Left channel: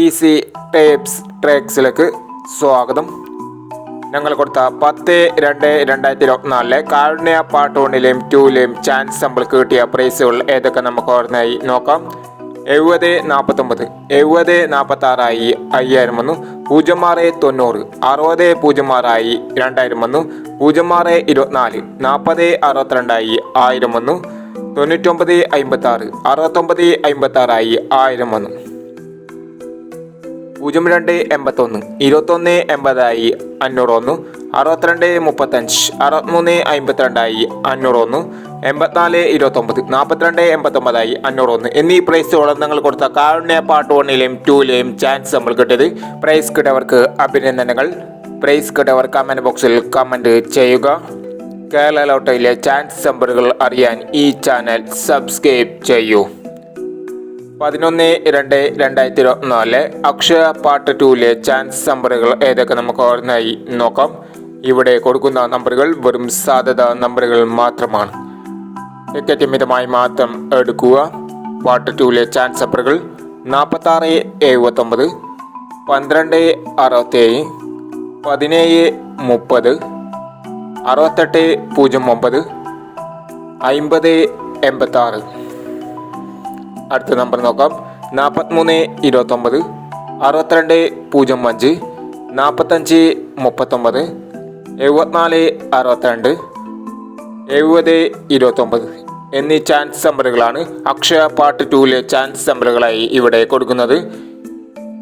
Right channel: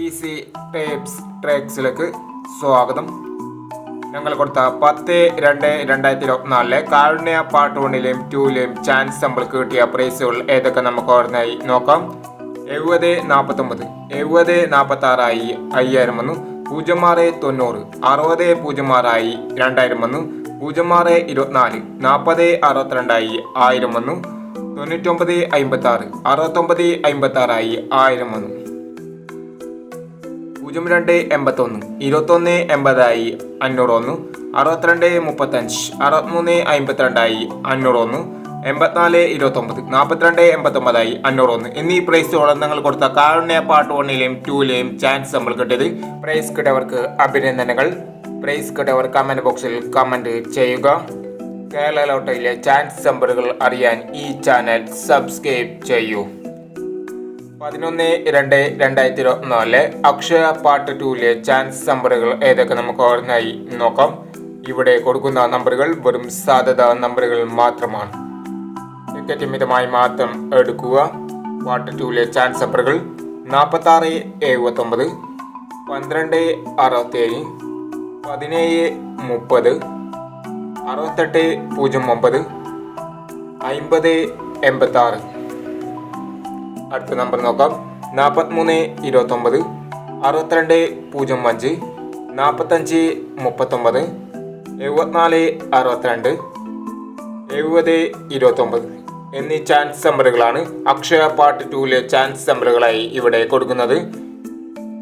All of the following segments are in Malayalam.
ഈസി ടേപ്സ് ട്രേക്സിലേക്ക് സ്വാഗതം. ഞങ്ങൾ കൊടുത്ത 10/2/2024 കാരുണ്യ പാർട്ട് 1ലെയും 2ലെയും ചാൻസ് നമ്മൾക്ക് കിട്ടിയ പ്രൈസുകൾ ഏതൊക്കെ നമുക്ക് ഓർമ്മയായി നോക്കാം. 70-49, 70-46 5000 വന്നു. 06-90, 60-06 2000 വന്നു. 06-24, 40-62 1000 വന്നു. 99-56, 69-56 1000 വന്നു. 02-81, 21-80 500 വന്നു. 62-35, 63-52 500 വന്നു. 84-29, 42-89 500 വന്നു എന്നീ പ്രൈസുകളും നിങ്ങൾ കൊടുത്ത കാരുണ്യ പാർട്ട് 1ലെയും 2ലെയും ചാൻസ് നമ്മൾ കിട്ടിയത്. പ്രൈസ് കിട്ടിയവർക്ക് അഭിനന്ദനങ്ങൾ. പ്രൈസ് കിട്ടിയവർ കമന്റ് ബോക്സിൽ കമന്റ് ചെയ്യുക. കേരള ലോട്ടറിയിലെ ചാൻസ് നമ്പറുകൾ അറിയാൻ ഈ ചാനൽ സബ്സ്ക്രൈബ് ചെയ്യൂ. 11/2/2024 അക്ഷയ പാർട്ട് 2ലെ ചാൻസ് നമ്പറുകൾ ഏതൊക്കെ നമുക്ക് ഓർമ്മയായി നോക്കാം. ഇവിടെ കൊടുക്കുന്ന നമ്പറുകൾ വെറും സാധ്യത നമ്പറുകൾ മാത്രമാണ്. ടിക്കറ്റ് മിതമായി മാത്രം എടുക്കുക. പാർട്ട് 2ലെ ചാൻസ് നമ്പറുകൾ 46-79, 12-67, 17-30, 68-09, 50-86. അടുത്ത നമ്പർ നോക്കാം. 43-29, 62-05, 45-39, 74-62, 70-29 എന്നീ ചാൻസ് നമ്പറുകളാണ് അക്ഷയ പാർട്ട് 2ലെ ചാൻസ് നമ്പറുകളായി ഇവിടെ കൊടുക്കുന്നത്.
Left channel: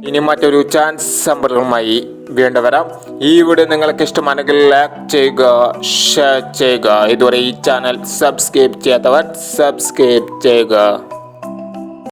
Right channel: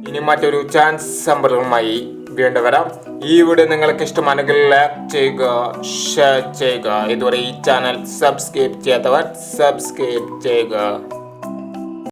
ഇനി മറ്റൊരു ചാൻസ് നമ്പറുകളുമായി വീണ്ടും വരാം. ഈ വീഡിയോ നിങ്ങൾക്ക് ഇഷ്ടമാണെങ്കിൽ ലൈക്ക് ചെയ്യുക, ഷെയർ ചെയ്യുക. ഇതുവരെ ഈ ചാനൽ സബ്സ്ക്രൈബ് ചെയ്യാത്തവർ സബ്സ്ക്രൈബ് ചെയ്യുക.